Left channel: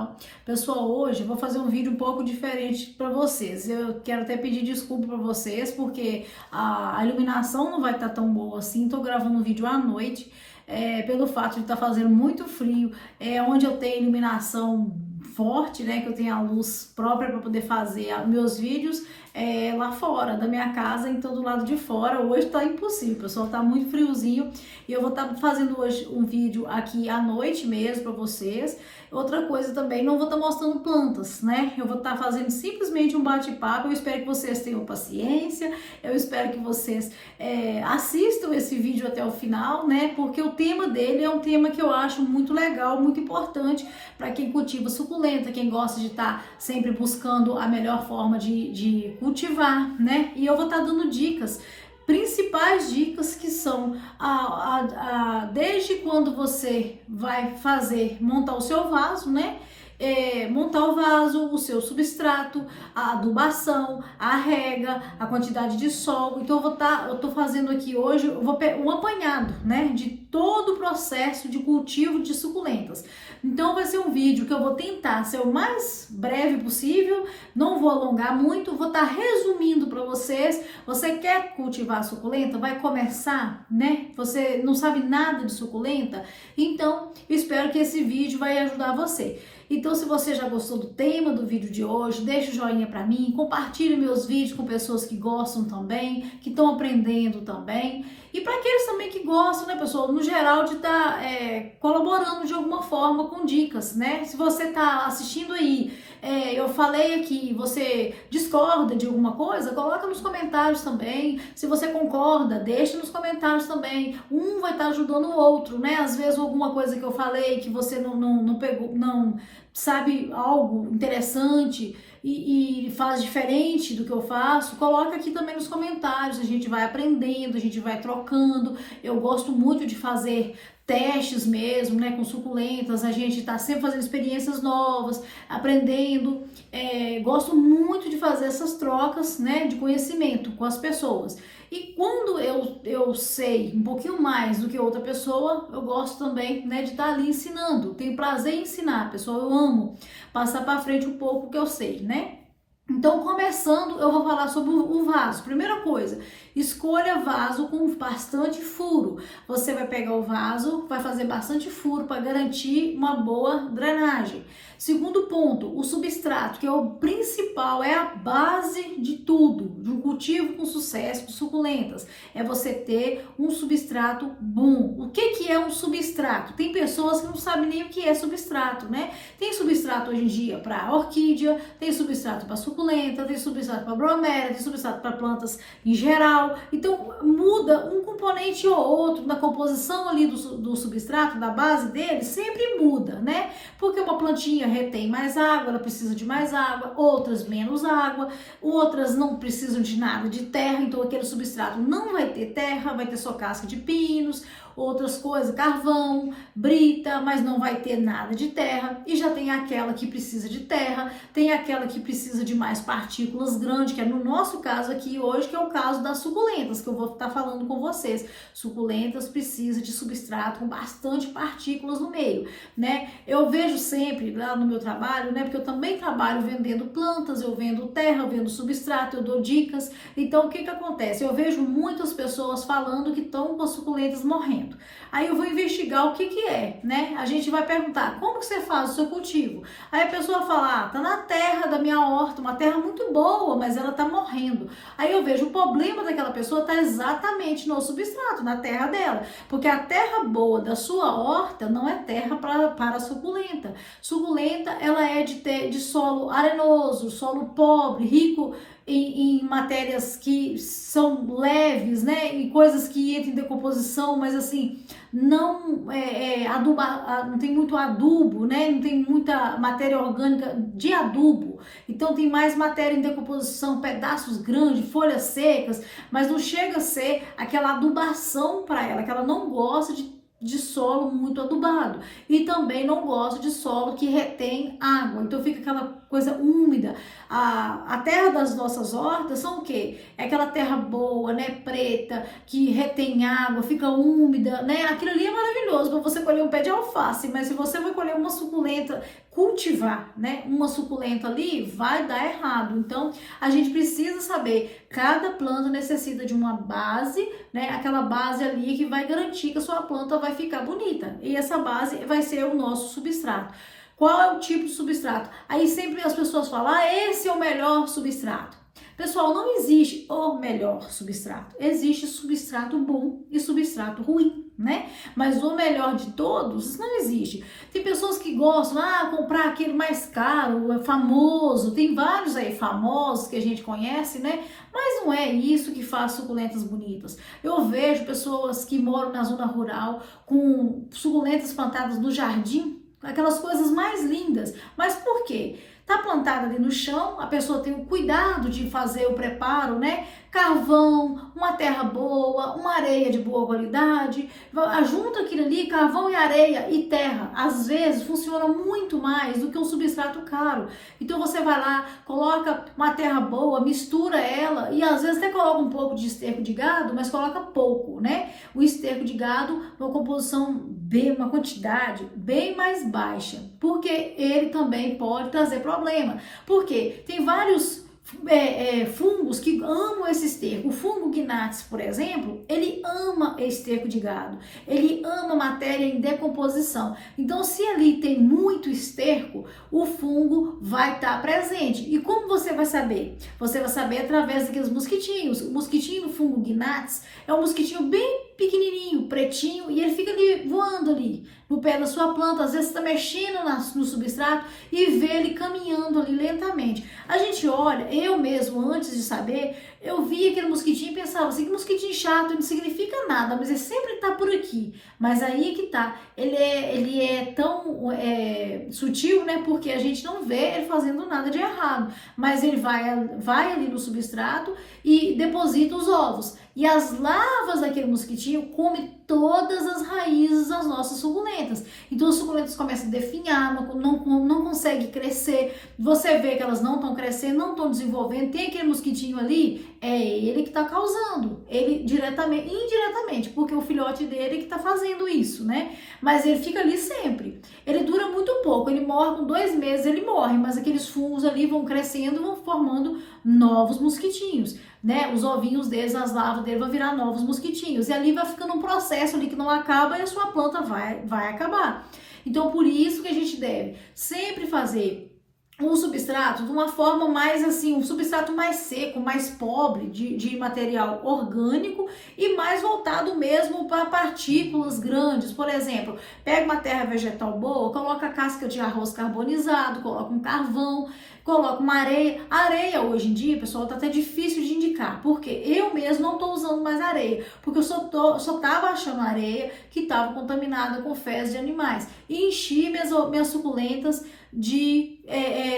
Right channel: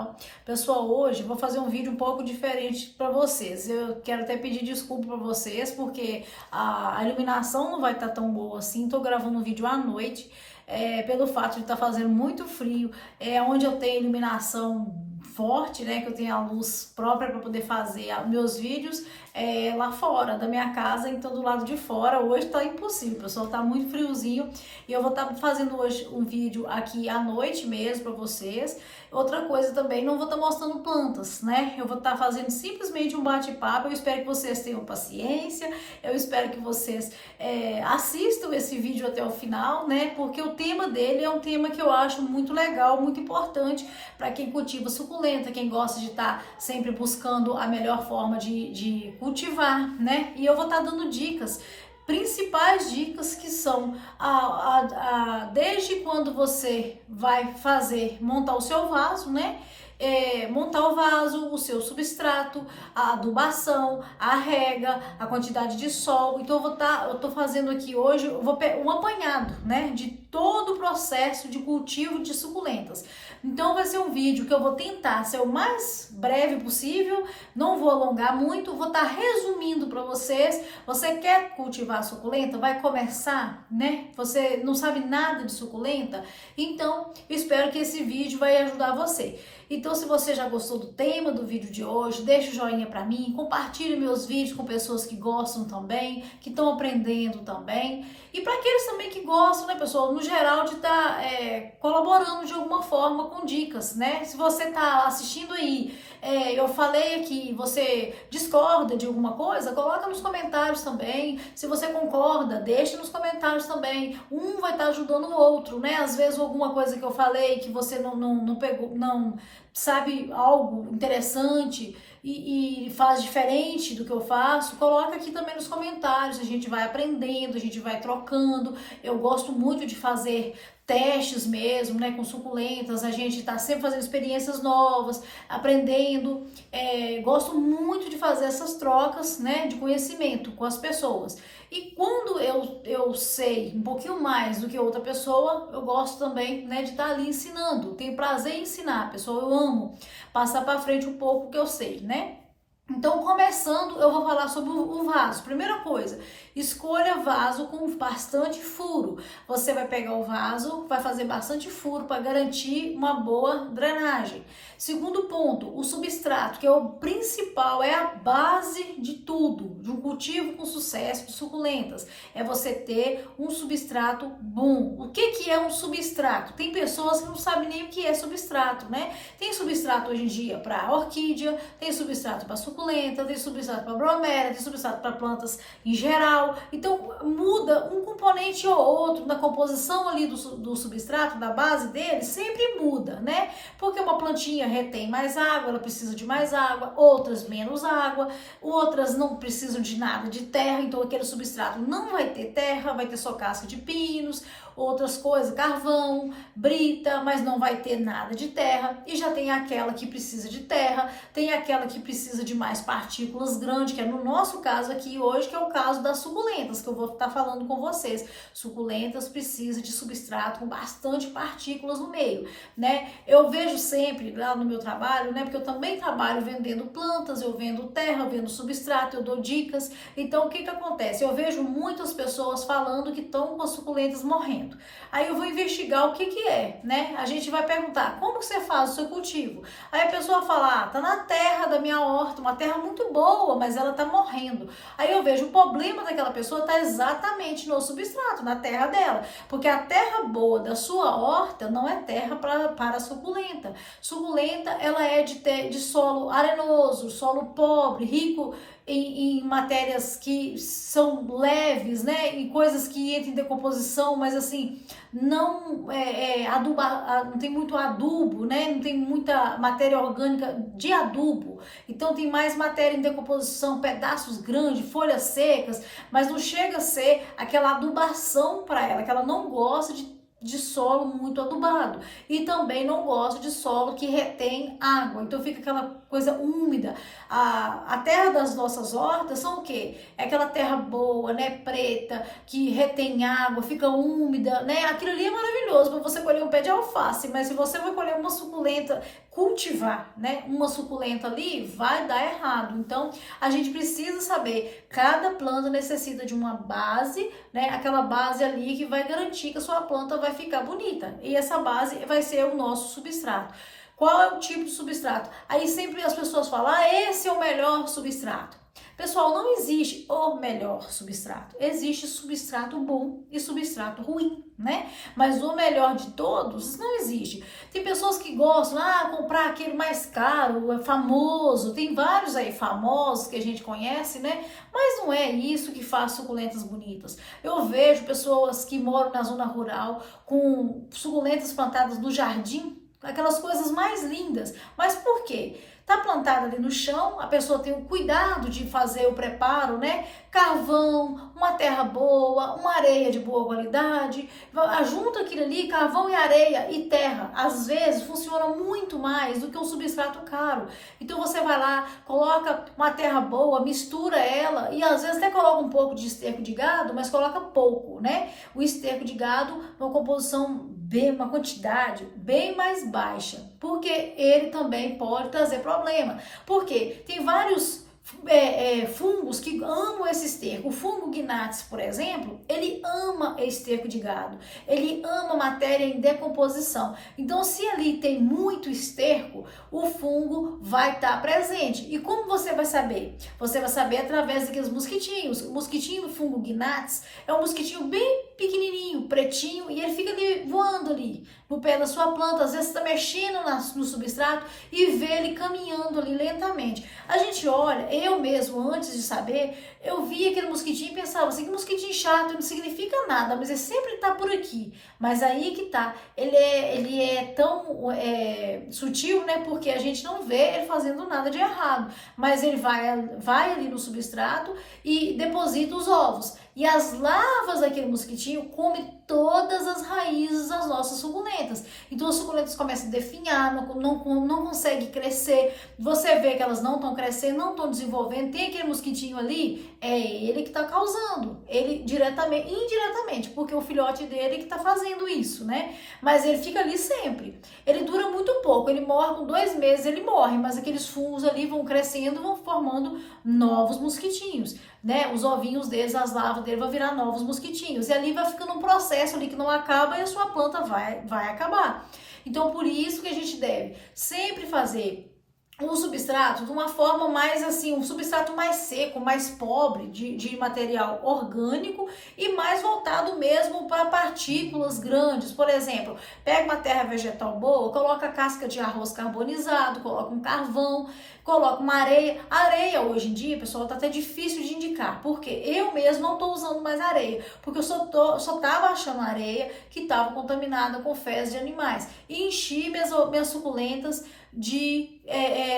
canal. Pessoal, hoje eu vou fazer um vídeo um pouco diferente para vocês. Eu quero até pedir desculpa para vocês, porque a iluminação não vai estar tão boa assim. Tô gravando um vídeo à noite, pelo fato de estar fazendo muito frio, onde eu tenho iluminação forte, né, que eu tenho a luz própria para poder fazer meus vídeos lá fora da minha casa, então do lado de fora. Hoje tá impossível, pessoal, tá muito friozinho e eu vou estar fazendo hoje um vídeo aqui à noite mesmo para vocês. Outra coisa também, não vou estar mostrando plantas, né? Eu vou estar fazendo simplesmente um bate-papo. Eu espero que vocês tenham paciência, eu espero que vocês assistam esse vídeo até o final, né? Porque o tema dele é um tema que eu acho muito legal, muito importante para quem cultiva suculenta, quem gosta de estar sempre buscando a melhor forma de cultivar, né? E eu vou estar dando dicas, principais dicas, que são desde quando você vai montar o seu vaso, né? Montar o vaso, o seu substrato, a adubação, a rega, a quantidade de sol. Então eu tô fazendo aqui hoje um apanhado, né, de todo o processo de cultivo de suculentas. Então vai ser um vídeo que eu vou tentar ser o mais breve possível, não vou alongar muito, vou estar resumindo para vocês. Você quer cultivar suculenta? Vai começar, né? Você não sabe nada de suculenta? Então eu espero que esse vídeo vai ajudar você. Então, se você já gostou do tema do vídeo de hoje, deixa o joinha para mim, compartilhe meus vídeos com pessoas que gostam também, que estão aprendendo também. E para aqueles também que gostam, né, pessoal, no geral, de estar colaborando de alguma forma com dicas, né? Se você está assistindo aí, eu falei aqui, você discorda de alguma coisa, coloca nos comentários também. Se você concorda, deixa nos comentários também. Um vai estar ajudando o outro, né? Às vezes alguma coisa que eu falei que você não pegou, não sabe, algo interessante e faz diferente do que eu faço, coloca aqui também nos comentários. A gente vai aprendendo, a gente vai trocando. Eu gosto muito de fazer testes mesmo, né, com suculentas. A gente tá sempre fazendo experiências novas, aprendendo. Gosto muito de fazer essas trocas, né, de conhecimento com as pessoas. E quando eu sei um pouquinho mais do que outra pessoa, eu gosto também, né, de estar ali ensinando. Tenho prazer em ensinar, pessoal. Eu amo passar para frente um pouco o que eu sei, né? Então, começando, eu vou falar sobre o vaso. Primeira coisa, escolha vaso com bastante furo. Você vai pegar o vaso, vai fazer bastante furo para garantir uma boa drenagem. Segundo ponto, o substrato, que é o principal, é a base de tudo, de um cultivo com sucesso de suculentas. É você ter um substrato bom. O que é um substrato? Tem pessoas que não sabem nem o que é substrato, né? Tem substrato hoje em dia para orquídea, tem substrato para suculenta, tem substrato para bromélia, tem substrato para plantas em geral. Então muda um componente ou outro na composição ali do substrato, da base dele, sempre muda, né? Porque uma plantinha retém mais água, ela precisa de mais água, outras menos água, outras não precisam de nada de terra, então aquele substrato não vai ter terra, vai ter só casca de pinos, outras coisas, carvão, brita, mas não vai ter nada de terra. E já tem aquela que precisa de terra, tem aquela que precisa de mais partículas grandes, que é no nosso caso aqui hoje, que é o caso das suculentas, que eu vou estar falando com vocês. Suculentas precisam de substrato com bastante partículas no meio, né? Eu vejo sempre lá no meu trabalho, né, porque eu também trabalho vendendo plantas, eu vendo terra, eu vendo substrato, eu dou dicas. Então, o que acontece? Eu vejo muitas pessoas falando que estão com as suculentas morrendo. Aí eu vou investigar o que é, né? A gente vai perguntar, como que você faz o seu cultivo? Aí a pessoa fala, tá na terra da minha horta, uma terra muito boa, mas ela tá morrendo. Aí eu vejo o problema daquela pessoa tá exatamente no substrato, na terra dela. Porque a terra boa da sua horta não é terra para suculenta. Suculenta, ela é de solo arenoso, solo pobre, rico em matérias que são leves, né? Em coisas que entram em decomposição, mas assim, não não tem muito adubo, né? Não tem muita matéria orgânica de adubo. Então tem mais matéria em decomposição, pedaços grandes, folhas secas, mas não chega a ser aquela adubação para ela, que ela não gosta de solo muito adubado e também não gosta de solo que retém água, então fica aquela coisa úmida. A terra das nossas hortas são o quê? É aquela terra boa, né, preta, que retém água, fica úmida, né? Aquilo ali é maravilhoso para você colher um pé de alface, mas se você vai colher uma suculenta, cultivar, né, uma suculenta ali, vai dar errado. Então, a gente precisa saber, cada planta necessita de uma base, né, aquela base ali que vai garantir que a sua planta vai ficar bonita. E essa base vai ser o nosso substrato. Qual é o tipo de substrato? Aí sempre as pessoas falam, esse é o melhor substrato. Pessoal, não existe o melhor substrato. Existe substrato bom e substrato ruim, né? Mas o melhor de todos não existe. Tem pessoas que gostam, comprar aquele mais caro, famoso. Tem vários aí famosos que a gente conhece, né? Mas não é isso que faz suculentas bonitas. Eu vejo pessoas que moram na zona rural com suculentas plantadas no jardim, aquelas coisas mais lindas. Mas por quê? Tá plantada ali no chão, a pessoa tem o cuidado de fazer o preparo, né? Carvão, uma terra boa, uma areia de boa qualidade, junta aquilo ali, carvão e areia e terra. Às vezes funciona muito mais do que um substrato caro. Então você vai lá, coloca uma terra boa, mistura ela e às vezes até coloca um pouco de esterco de gado, mas coloca pouco, né? O esterco de gado, uma composição uma quantidade bem mais baixa, porque ele também pode trazer problema. Porque tem vários fungos que amam esse esterco. O fungo Gnatz, por exemplo, ele ama esterco de gado, ele ama matéria em decomposição. Então, se ali tem muito esterco, o fungo vai estar presente. E como você vai saber? Você vai saber através daqueles mosquitinhos. O mosquitinho, o fungo Gnatz, é um mosquitinho bem pequenininho, pretinho, e ele fica ali voando ali no pé da sua planta, às vezes está mexendo no substrato e vê ele caminhando ali lentamente. A gente olha, eu mesmo, antes de saber, eu via aquele mosquitinho e pensava assim, que mosquitinho chato, não significa nada, mas ele sempre está por aqui. Mas aí que tá, ele é tão sutil, né, porque a gente não vê ele fazendo nada de errado, mas ele vai ali no substrato e deposita os ovos. E as larvas daquele mosquitinho comem todas as raízes das nossas suculentas. Então as suculentas começam a definhar, não conseguem crescer. Você vê que elas não estão crescendo, não estão desenvolvendo. Tem aquele mosquitinho ali, é ele que está causando. Ele diretamente, indiretamente, porque o filhote dele que está fazendo isso, né? Mas ele fica ali sempre. Ele dura muito pouco, ele morre com 2 meses, ele morre. Mas aqueles fungos ali vão crescendo, vão formando novos mosquitinhos, né? Os ovinhos deles, as larvas deles vão virar novos mosquitinhos. E ali vai ficando um processo ali que não acaba e a sua planta vai acabar. Então, por isso que a gente deve sempre fazer um substrato de uma forma mais assim, um substrato mais seco, mais pobre de material orgânico e mais voltado mesmo para partículas grandes. Por exemplo, pega uma terra vegetal boa, coloca casca de arroz carbonizado, coloca um carvão, coloca uma areia. Areia hoje em dia, pessoal, tá até difícil de indicar, porque eu mesmo não tô usando mais areia, porque eu só tava achando areia que tava contaminada com fezes de animais e enchi minhas suculentas de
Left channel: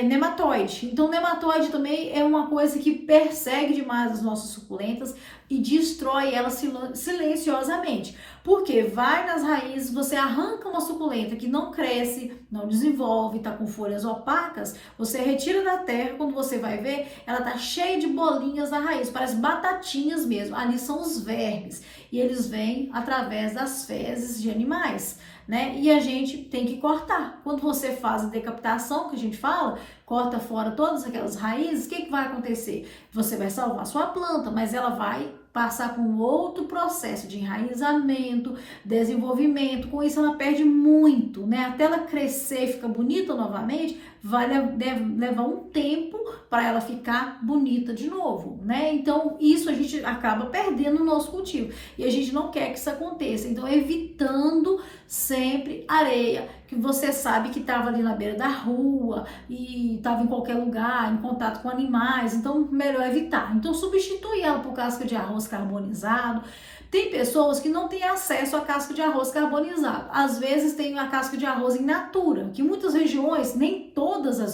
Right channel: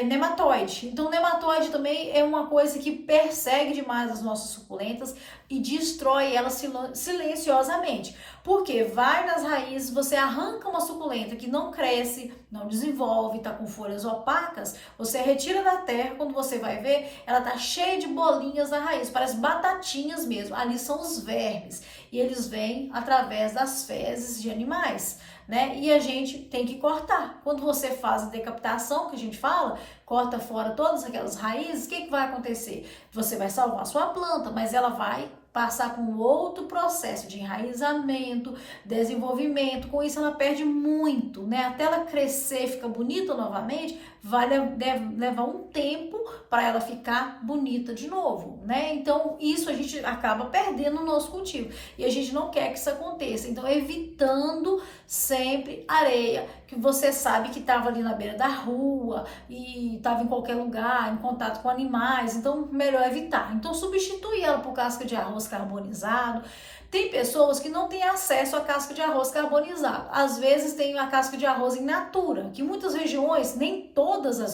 nematóide. Então, nematóide também é uma coisa que persegue demais as nossas suculentas e destrói elas silenciosamente. Porque vai nas raízes, você arranca uma suculenta que não cresce, não desenvolve, tá com folhas opacas, você retira da terra, quando você vai ver, ela tá cheia de bolinhas na raiz, parece batatinhas mesmo. Ali são os vermes e eles vêm através das fezes de animais, né? E a gente tem que cortar. Quando você faz a decapitação, que a gente fala, corta fora todas aquelas raízes, o que vai acontecer? Você vai salvar a sua planta, mas ela vai passar por um outro processo de enraizamento, desenvolvimento. Com isso ela perde muito, né? Até ela crescer e ficar bonita novamente, deve levar um tempo para ela ficar bonita de novo, né? Então isso a gente acaba perdendo no nosso cultivo e a gente não quer que isso aconteça. Então evitando sempre areia que você sabe que estava ali na beira da rua e estava em qualquer lugar, em contato com animais, então melhor evitar. Então substituir ela por casca de arroz carbonizado. Tem pessoas que não têm acesso à casca de arroz carbonizado. Às vezes tem a casca de arroz in natura, que muitas regiões, nem todas as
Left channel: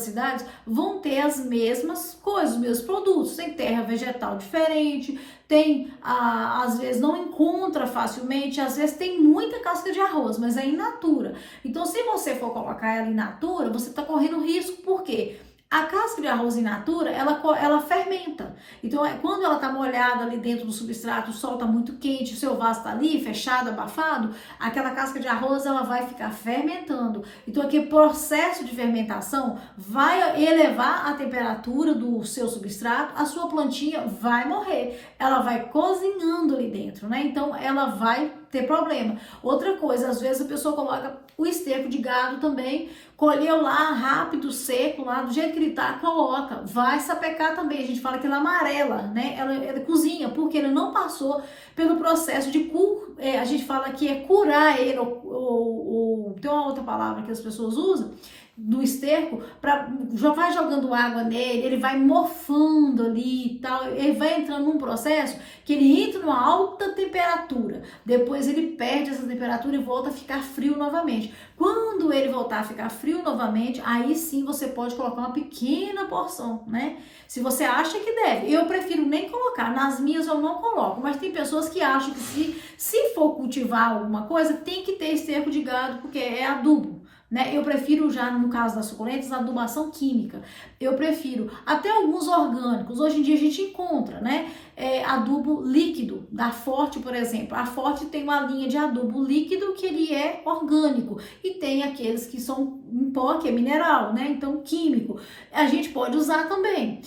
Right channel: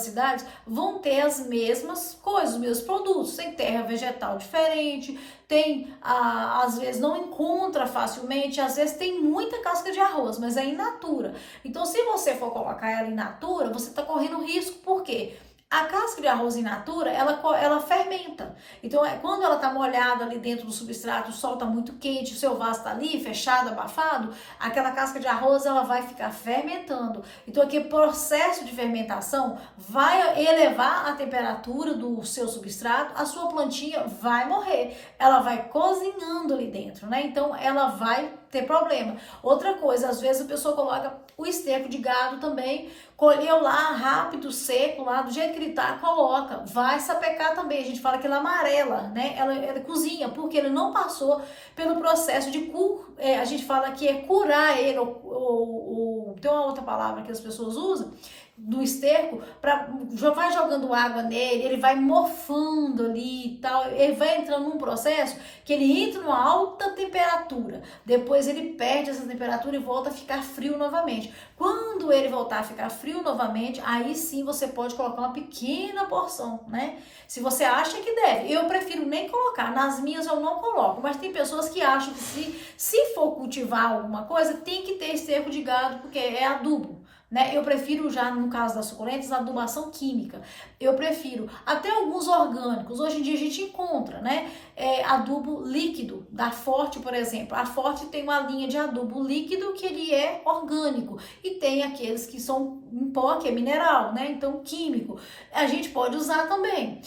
cidades vão ter as mesmas coisas, os mesmos produtos. Tem terra vegetal diferente, tem, às vezes não encontra facilmente, às vezes tem muita casca de arroz, mas é in natura. Então, se você for colocar ela in natura, você está correndo risco, por quê? A casca de arroz in natura, ela fermenta. Então, quando ela está molhada ali dentro do substrato, o sol está muito quente, o seu vaso está ali, fechado, abafado, aquela casca de arroz, ela vai ficar fermentando. Então, aquele processo de fermentação vai elevar a temperatura do seu substrato, a sua plantinha vai morrer. Ela vai cozinhando ali dentro, né? Então, ela vai ter problema. Outra coisa, às vezes a pessoa coloca o esterco de gado também, colheu lá rápido, seco, lá do jeito que ele tá, coloca, vai sapecar também. A gente fala que ela amarela, né? Ela cozinha, porque ele não passou pelo processo de a gente fala que é curar ele, tem uma outra palavra que as pessoas usam, do esterco, vai jogando água nele, ele vai morfando ali e tal, ele vai entrando num processo que ele entra numa alta temperatura, depois ele perde essa temperatura e volta a ficar frio novamente. Quando ele voltar a ficar frio novamente, aí sim você pode colocar uma pequena porção, né? Se você acha que deve. Eu prefiro nem colocar, nas minhas eu não coloco, mas tem pessoas que acham que se for cultivar alguma coisa, tem que ter esterco de gado, porque é adubo. Né? Eu prefiro já, no caso das suculentas, a adubação química. Eu prefiro até alguns orgânicos. Hoje em dia a gente encontra, né? Adubo líquido, da Forte, por exemplo. A Forte tem uma linha de adubo líquido que ele é orgânico. E tem aqueles que são em pó, que é mineral, né? Então, químico. A gente pode usar também.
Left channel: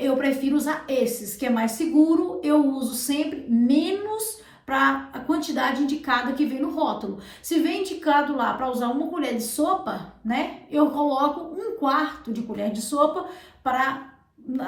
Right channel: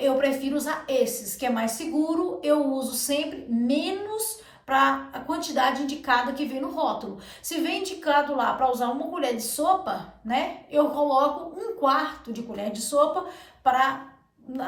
Eu prefiro usar esses, que é mais seguro. Eu uso sempre menos para a quantidade indicada que vem no rótulo. Se vem indicado lá para usar uma colher de sopa, né? Eu coloco 1/4 de colher de sopa para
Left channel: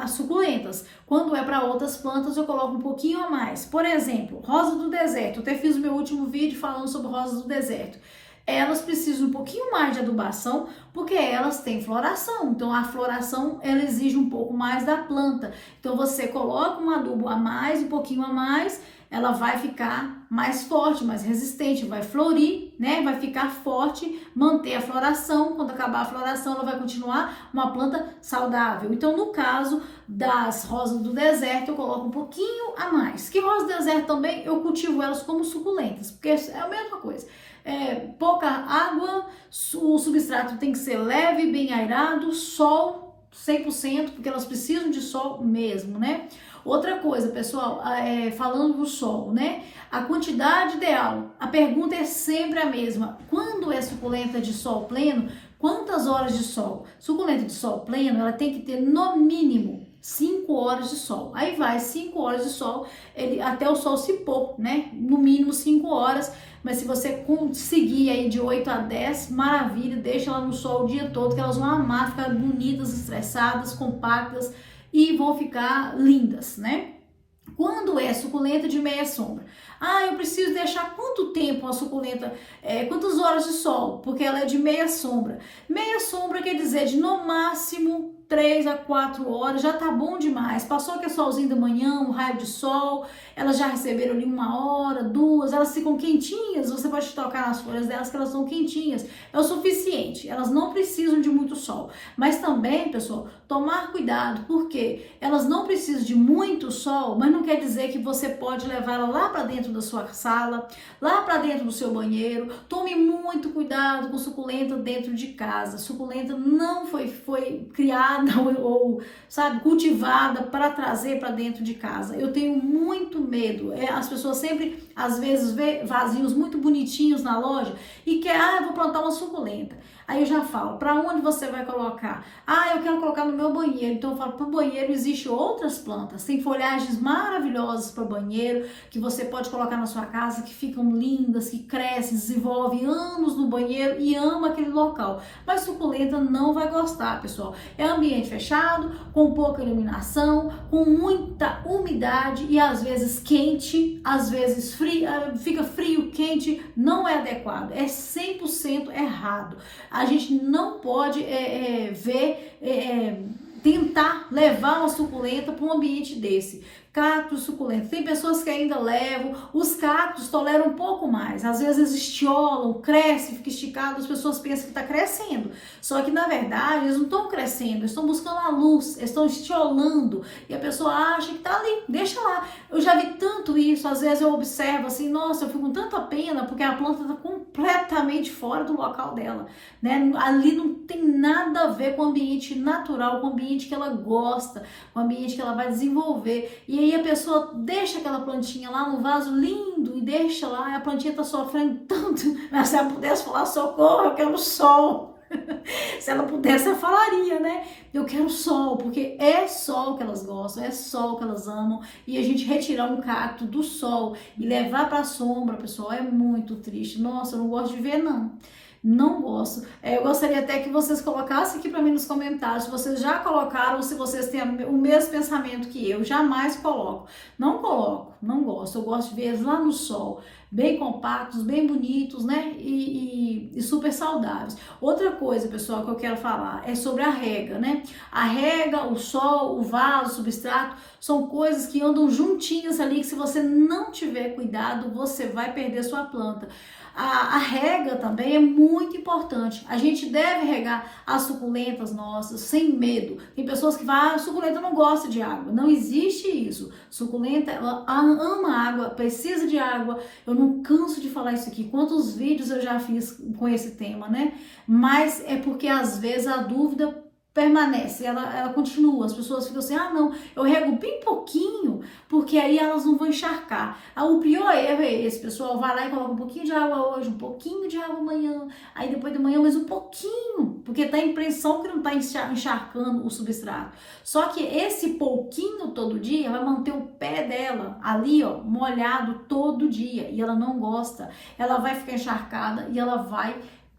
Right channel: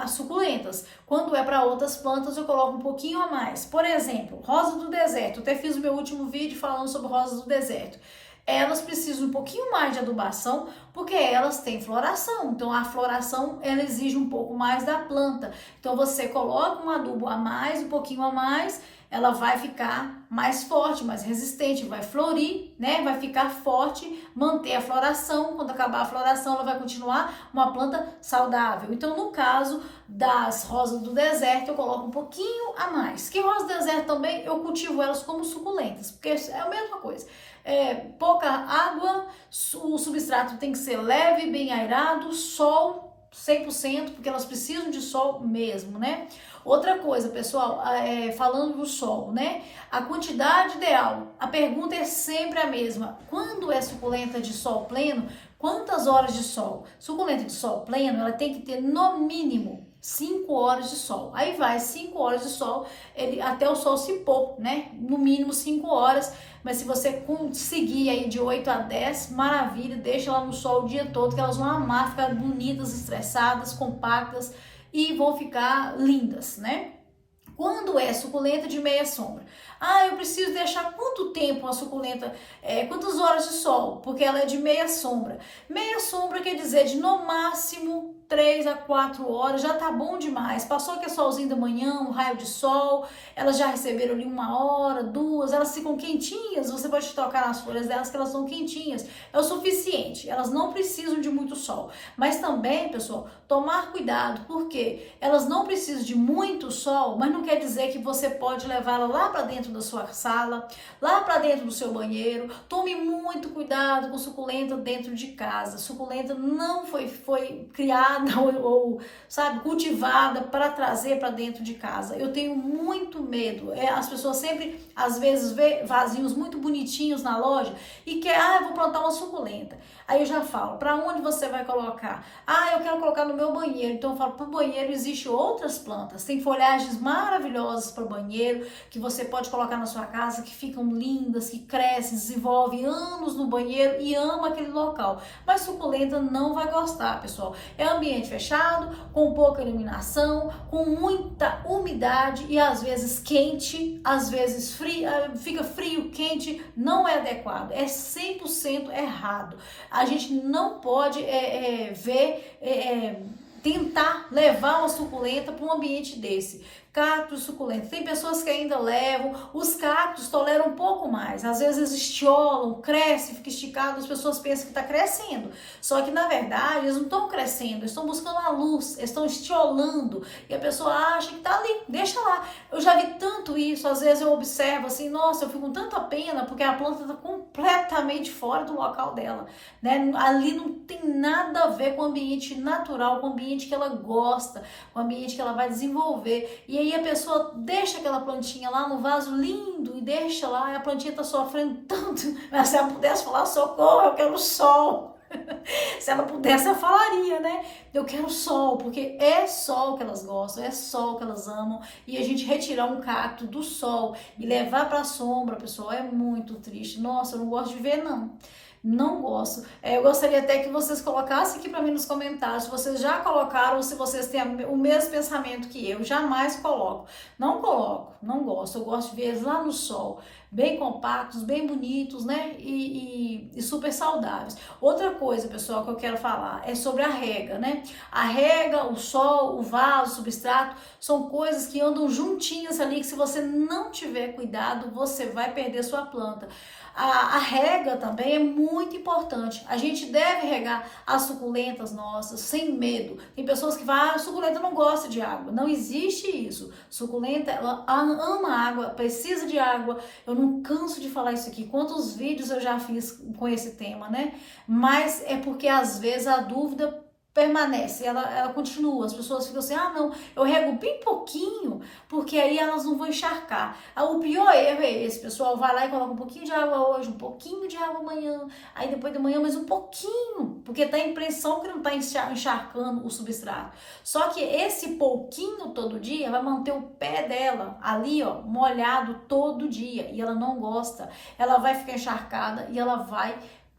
as suculentas. Quando é para outras plantas, eu coloco um pouquinho a mais. Por exemplo, rosa do deserto. Eu até fiz o meu último vídeo falando sobre rosas do deserto. Elas precisam um pouquinho mais de adubação, porque elas têm floração. Então, a floração, ela exige um pouco mais da planta. Então, você coloca um adubo a mais, um pouquinho a mais, ela vai ficar mais forte, mais resistente, vai florir, né? Vai ficar forte, manter a floração. Quando acabar a floração, ela vai continuar uma planta saudável. Então, no caso das rosas do deserto, eu coloco um pouquinho a mais. Que rosas do deserto também, eu cultivo elas como suculentas, porque é a mesma coisa. Pouca água, o substrato tem que ser leve, bem airado, sol 100%, porque elas precisam de sol mesmo, né? Outra coisa, pessoal, falando do sol, né? A quantidade ideal, a pergunta é sempre a mesma. Quando é suculenta de sol pleno, quantas horas de sol? Suculenta de sol pleno, ela tem que ter no mínimo 5 horas de sol. Aí vai 5 horas de sol, até o sol se pôr, né? No mínimo 5 horas. Mas se você conseguir aí de 8 a 10, maravilha, deixa ela no sol o dia todo, que elas vão amar, ficar bonitas, estressadas, compactas, e vão ficar lindas, né? Quando é suculenta de meia sombra? Eu preciso deixar quanto tempo a suculenta, quantas horas de sol? Porque ela é de meia sombra. Meia sombra quer dizer de no máximo 3 a 4 horas, já tá bom demais. Passou que é solzinho da manhã, um raio de sol, elas já receberam ali 1 hora, 2, elas ficam quentinhas, você pode tocar nas folhas delas que elas estão quentinhas. É o suficiente, elas não precisam de muito sol. Mas também, pessoal, tomar cuidado, porque elas não precisam de muito sol, mas não quer dizer que você pode levá-la lá para dentro da sua sala, lá para dentro do seu banheiro. Tome muito cuidado com suculenta dentro de casa. Suculenta não foi criada ou sabe, cultivada para trazer para dentro de casa. Eu tenho muito medo. As pessoas sempre, às vezes, vê vasinhos muito bonitinhos na loja e quer, eu vou plantar uma suculenta. Aí eu já falo, para onde você vai colocar? Eu quero colocar no meu banheiro. Então eu falo, para o banheiro existem outras plantas. Tem folhagens maravilhosas para banheiro, que você pode colocar na sua casa, que ficam lindas, que crescem, desenvolvem anos no banheiro e ama aquele local. Mas suculenta não vai gostar, pessoal. É ambiente fechado, com pouca iluminação, com muita umidade e às vezes quente, às vezes frio, fica frio, quente, não é adequado. É 100% errado. A gente não pode tentar levar uma suculenta para um ambiente desse. Cactos suculentos. Tem pessoas que ainda levam, os cactos toleram um pouco mais. Às vezes estiolam, cresce, fica esticado, as pessoas pensam que está crescendo. Só que na verdade eles não estão crescendo, eles estão buscando a luz, eles estão estiolando e a pessoa acha que está ali, deixa lá. Eu já vi tanto isso, às vezes eu observo assim, nossa, eu fico com tanta pena porque a planta está completamente fora do local dela, né? Ali não tem nada a ver com o ambiente natural, com o ambiente que ela gosta, com o ambiente que ela vai desenvolver. E aí a pessoa deixa aquela plantinha lá no vaso lindo e deixa lá, e a plantinha está sofrendo tanto, mas se ela pudesse falar socorro, eu quero sol. Se ela pudesse, ela falaria, né? Eu quero sol, porque é sol que elas gostam, é sol que elas amam. E a gente retirar um cacto do sol e levar para a sombra, pessoal, é muito triste. Nossa, eu não gosto de ver, não. Não gosto. Eu gostaria até que vocês colocassem aqui para mim nos comentários se vocês já colocaram ou se vocês têm o mesmo pensamento que eu. Jamais coloco. Não coloco, não gosto. Eu gosto de ver eles lá no sol, bem compactos, bem bonitos, né? E super saudáveis. Outra coisa, pessoal, que eu quero falar é sobre a rega, né? A rega, o sol, o vaso, o substrato, são coisas que andam juntinhas ali, que se você não tiver cuidado, você vai perder sua planta. A rega também é muito importante. A gente deve regar as suculentas nossas sem medo. Tem pessoas que falam, suculenta não gosta de água. Não existe isso. Suculenta, ela ama água, precisa de água. Eu não canso de falar isso aqui. Quantos vídeos eu já fiz com esse tema, né? Mas é porque às vezes a dúvida permanece, ela continua. As pessoas ficam assim, não, eu rego bem pouquinho, porque aí elas não vão encharcar. O pior erro é esse, pessoal, vai lá e coloca um pouquinho de água hoje, um pouquinho de água amanhã, aí depois de manhã mais um pouquinho, porque tá a impressão que não tá encharcando o substrato. Só que esse pouquinho todo dia vai manter o pé dela ali, ó, molhado todo dia, e ela não gosta, ela vai ficar encharcada e ela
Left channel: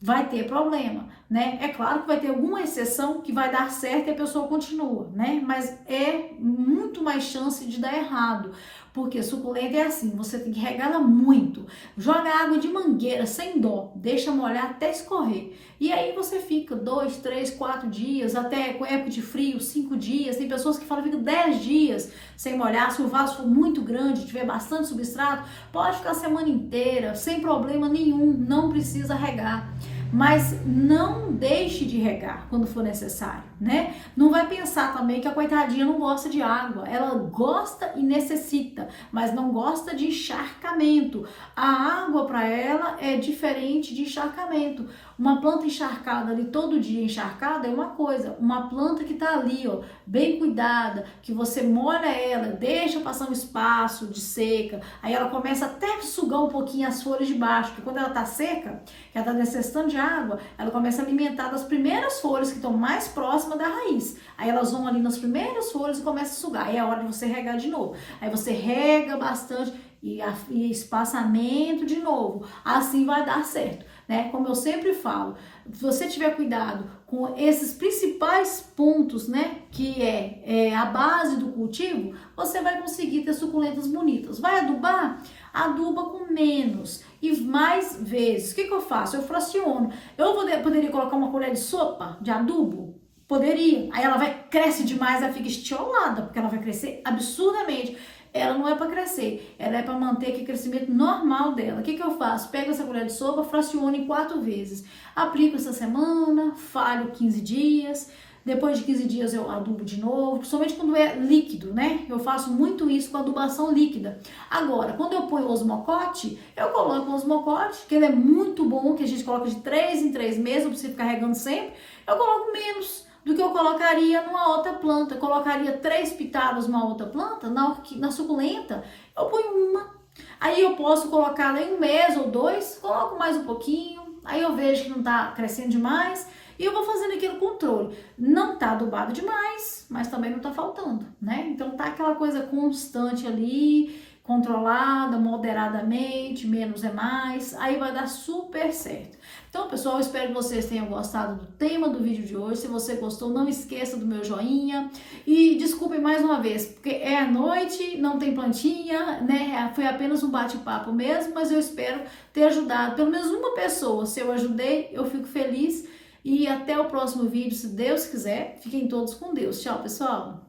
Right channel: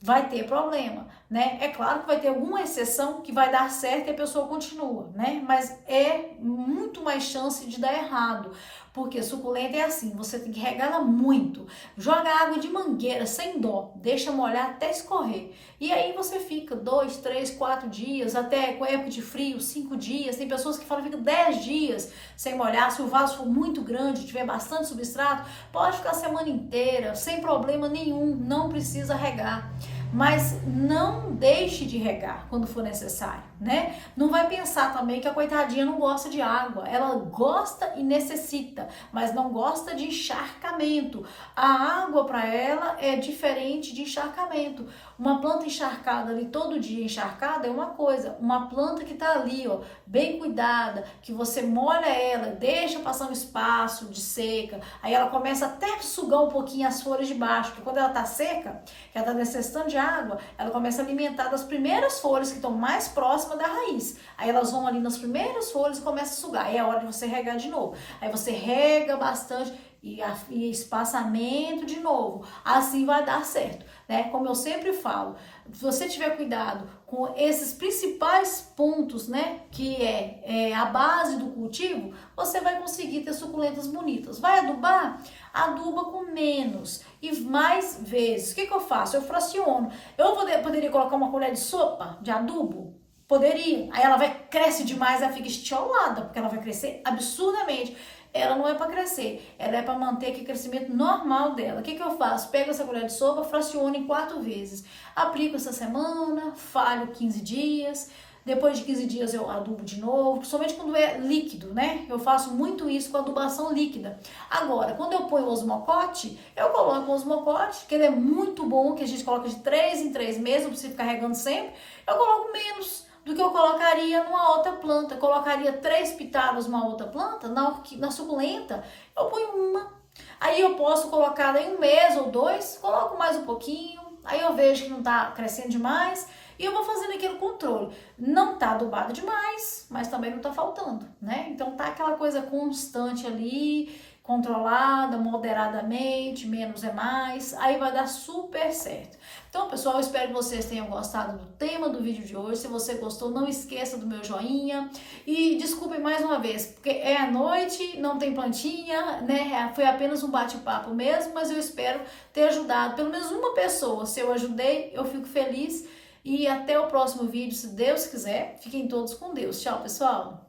vai ter problema, né? É claro que vai ter alguma exceção que vai dar certo e a pessoa continua, né? Mas é muito mais chance de dar errado, porque suculenta é assim, você tem que regá-la muito, joga água de mangueira sem dó, deixa molhar até escorrer. E aí você fica 2, 3, 4 dias, até com época de frio, 5 dias. Tem pessoas que falam que fica 10 dias sem molhar. Se o vaso for muito grande, tiver bastante substrato, pode ficar a semana inteira, sem problema nenhum, não precisa regar. Mas não deixe de regar quando for necessário, né? Não vai pensar também que a coitadinha não gosta de água. Ela gosta e necessita, mas não gosta de encharcamento. A água para ela é diferente de encharcamento. Uma planta encharcada ali todo dia encharcada é uma coisa. Uma planta que tá ali, ó, bem cuidada, que você molha ela, deixa passar um espaço de seca, aí ela começa até a sugar um pouquinho as folhas de baixo, porque quando ela tá seca, que ela tá necessitando de água, ela começa a alimentar das primeiras folhas que estão mais próximas da raiz. Aí elas vão ali nas primeiras folhas e começam a sugar. Aí é a hora de você regar de novo. Aí você rega bastante e espaçamento de novo. Assim vai dar certo, né? Como eu sempre falo, se você tiver cuidado com esses principais pontos, né, que é a base do cultivo, você vai conseguir ter suculentas bonitas. Vai adubar? Aduba com menos e mais vezes. O que eu faço? Eu fraciono. Eu poderia colocar uma colher de sopa de adubo? Poderia. Aí ela cresce demais, ela fica estiolada, porque ela vai crescer absurdamente. Ela não é para crescer, ela é para manter aquele crescimento normal dela. O que eu faço? Pego essa colher de sopa, fraciono em 4 vezes. Aplico essa semana, falho 15 dias. Depois de 15 dias eu adubo de novo, principalmente quando é líquido, né? Eu faço muito isso com adubação líquida. Agora, quando eu ponho o osmocote, eu coloco o osmocote, que ele é muito bom, que a gente coloca de 3 em 3 meses, não precisa ficar regando sempre. Eu coloco menos do que eu colocaria numa outra planta. Eu colocaria 3 pitadas numa outra planta, na suculenta, eu ponho uma. Aí eu posso colocar em 1 mês ou 2, coloco mais um pouquinho, aí eu vejo que não tá crescendo demais, e eu vou fazendo aquele controle. Não tá adubado demais, mas também não tá faltando, né? Então tá aquela coisa constante ali, controlada, moderadamente, menos é mais, aí vai dar super certo. Então, pessoal, eu espero que vocês tenham gostado do tema do vídeo de hoje. Se você gostou, não esqueça do meu joinha. E desculpem mais uma vez, porque é à noite, não tem plantinha, né? Foi apenas um bate-papo mesmo, mas eu espero ter ajudado pelo menos uma pessoa. Se eu ajudei, eu fico feliz. E até o próximo vídeo, se Deus quiser. Fiquem todos com Deus. Tchau, pessoal!